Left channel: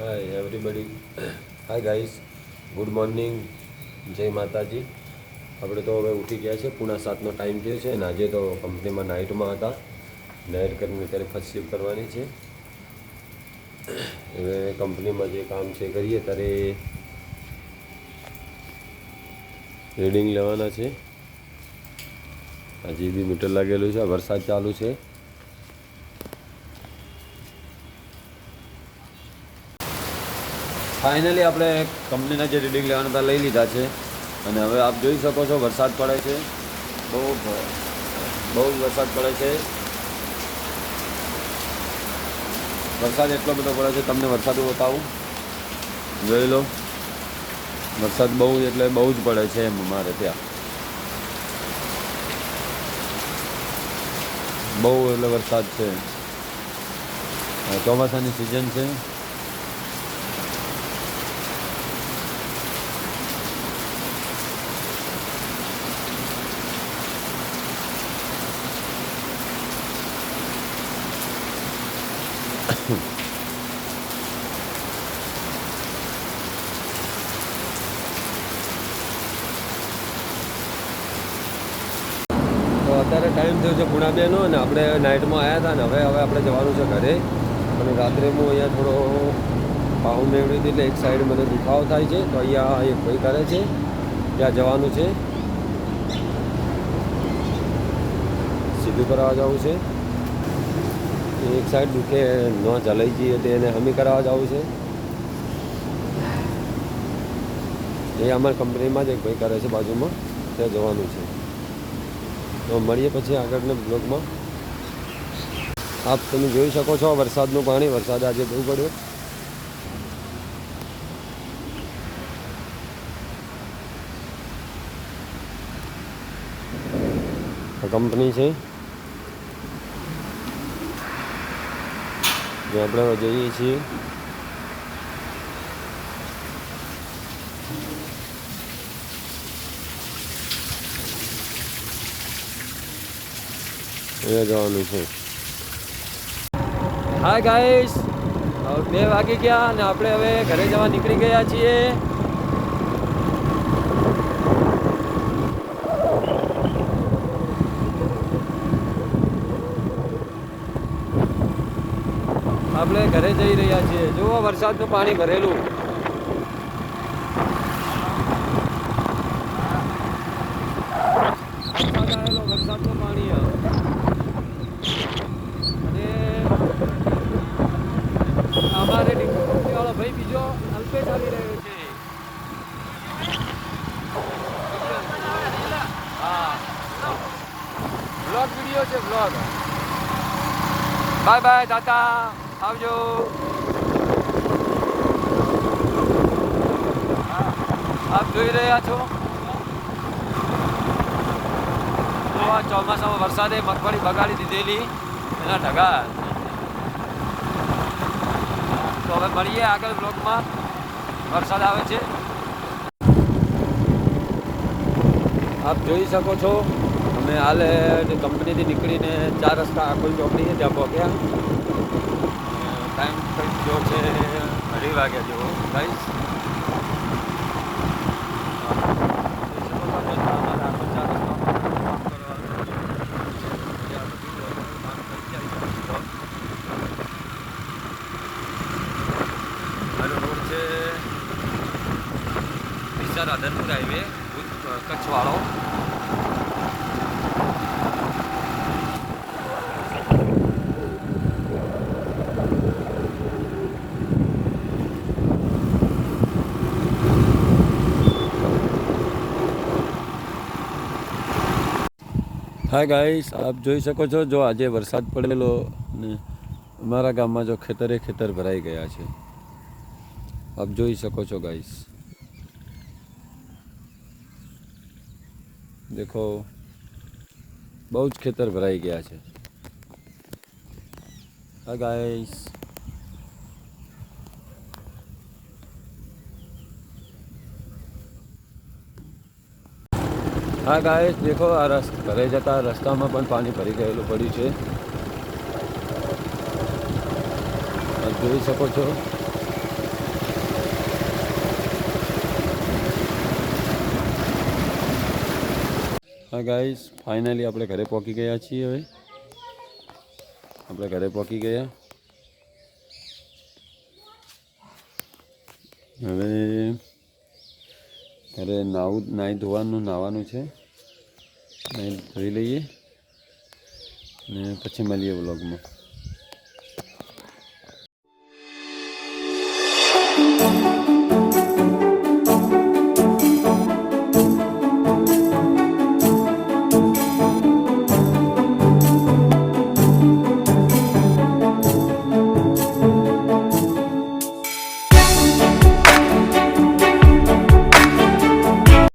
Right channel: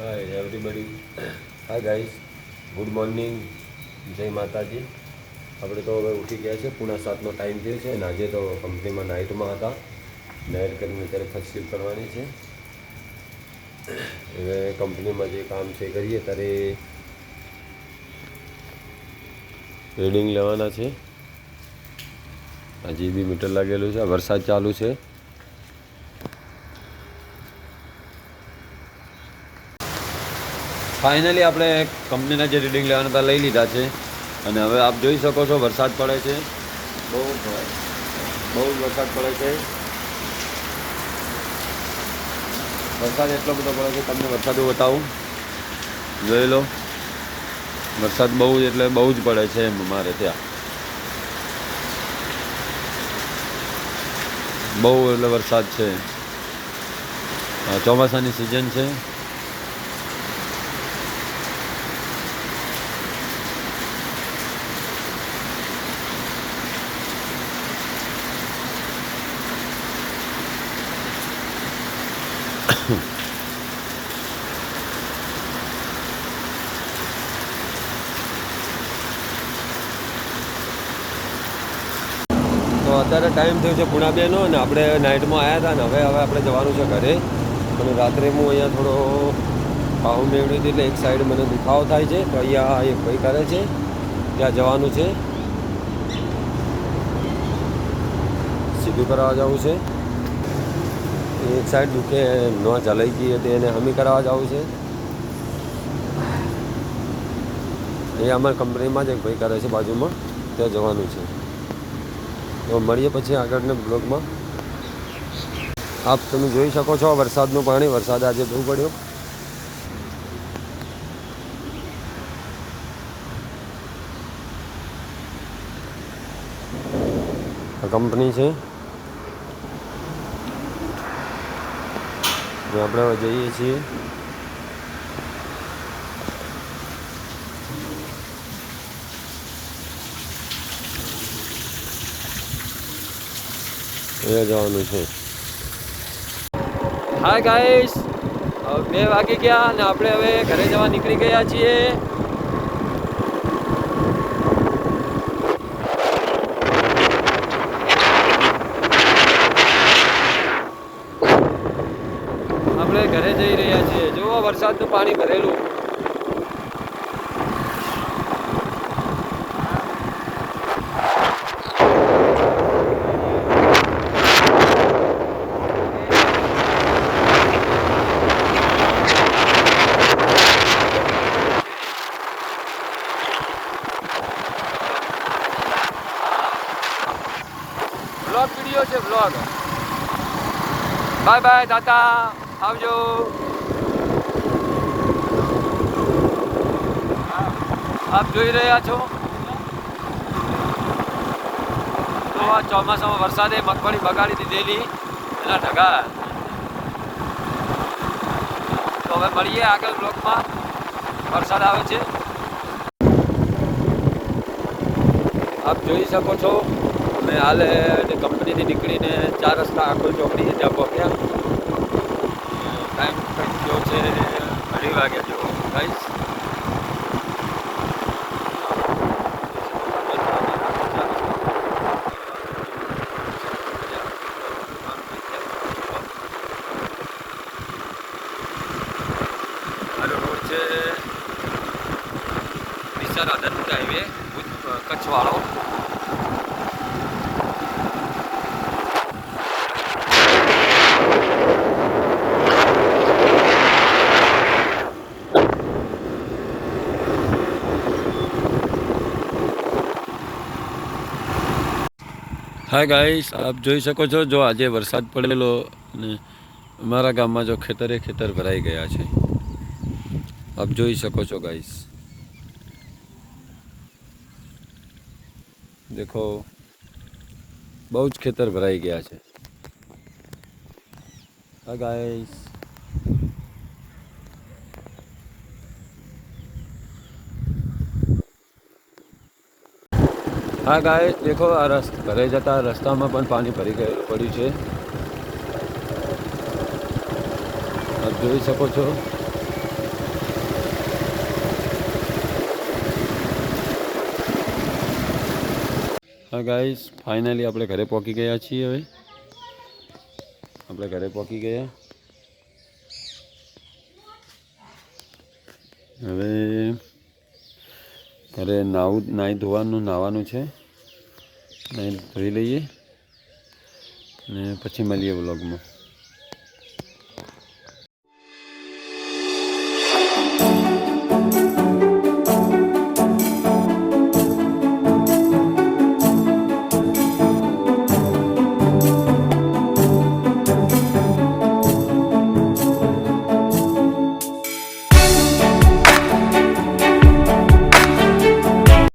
હાય everybody, hi guys, good morning, જય માતાજી. આપણે તો હવે ઉઠી ગયા છે, 7:30નો ટાઈમ થયો છે અને આજે તો કંપનીમાં નાઇટમાં હતા. નાઇટ કરીને અત્યારે ફર્સ્ટ શિફ્ટ કરવાની છે. હવે કંપનીમાં જે કામ છે કરીએ ત્યારે રીડિંગ લેવાના છે. આ જીબી મીટર લાગેલું છે, વરસાદ ચાલુ છે. ફાઇનલી આપણે કંપનીના જે રીડિંગ લેવાના હતા લઈ લીધા છે અને હવે આપ જોઈ શકો છો વરસાદ પડે છે, બહુ વરસાદ પડે છે. વરસાદ એટલો બધો પડે છે, તમને વરસાદ બતાવું, જોઈ લો. વરસાદ બહુ એટલે બહુ જ પડે છે એમ અમારે ત્યાં, બહુ એટલે વરસાદ છે. ચોમાસાની સિઝન છે. તો અત્યારે ટાઈમ થયો છે 2:30નો અને આપણે નાઇટમાં આવ્યા હતા ને હવે આપણે જવાનું છે ઘરે. અને રાત્રે હું અહીંયા થોડો પાહુ મેળવી હતી એટલે એક સાઈડ મને દુખાવો થાય છે, તો અહીંયા એક ભાઈ કરે છે, ત્યાં જવાનું છે. સીધું કરાવવા જવું છે. એક સાઈડ દુખે ન ચલાઈ ગઈ હતી એને હમી કરાવવા જવું છે. એ અમારી કંપનીમાં જ એક ભાઈ કરે છે બાજુમાં, ત્યાં જવાનું છે. તો મળીએ પછી આગળના બ્લોગમાં. આપ તમે જોઈ શકો છો વરસાદનું પાણી, વરસાદ આજે બહુ પડ્યો. આ કંપની છે જે આપણે જોઈએ છીએ. અહીંયા જવાનું છે. હાય ગાઈસ, 2 વાગી ગયા અને આપણે હવે ઘરે જવા નીકળી ગયા છીએ. આપણે ઘરે જઈ રહ્યા છીએ. જુઓ વરસાદનું પાણી ભરેલું. બ્લોગ વિડીયો છે, બ્લોગ. બાય બાય, ટાટા, આવજો. આપ જોઈ રહ્યા છો તો આ ચોમાસામાં વરસાદે મગફળી બગાડી દીધેલી એના ઢગા. તો હવે મળીએ આગળ બ્લોગમાં. વરસાદ આવે છે, આપ જોઈ શકો છો. અમે હાલ કંપનીથી નીકળીને 4 રસ્તા આખુલ ચોકડી ત્યાં પહોંચ્યા. ટાઈમ થઈ ગયો છે 2:30 વાગ્યા જેવો ગાઈસ. હાલો રોડ છે ડીસા રાધનપુર હાઈવે, કચ્છવાળો. હા ગાઈસ, આપ જોઈ શકો છો જો આજે વરસાદ પડેલો અને અમારા ગામમાં જો ખેતર ભરાઈ ગયા છે. આપ જોઈ શકો છો ગાઈસ, દેખો બહુ જ ખેતર ભરાઈ ગયા છે. હા ગાઈસ, हाँ गाइस, देखो आ घरे जता रस्ता में पानी भरी गयेलू पड़ू है। आप જોઈ શકો છો હા ગાઈસ, ફાઇનલી આપણે ઘરે પહોંચી ગયા છીએ. હવે આપણે ઘરે પહોંચી ગયા. હવે ઘરે નાહવાનું છે. નાહી ધોઈ લઈએ ને પછી મળીએ વ્લોગમાં.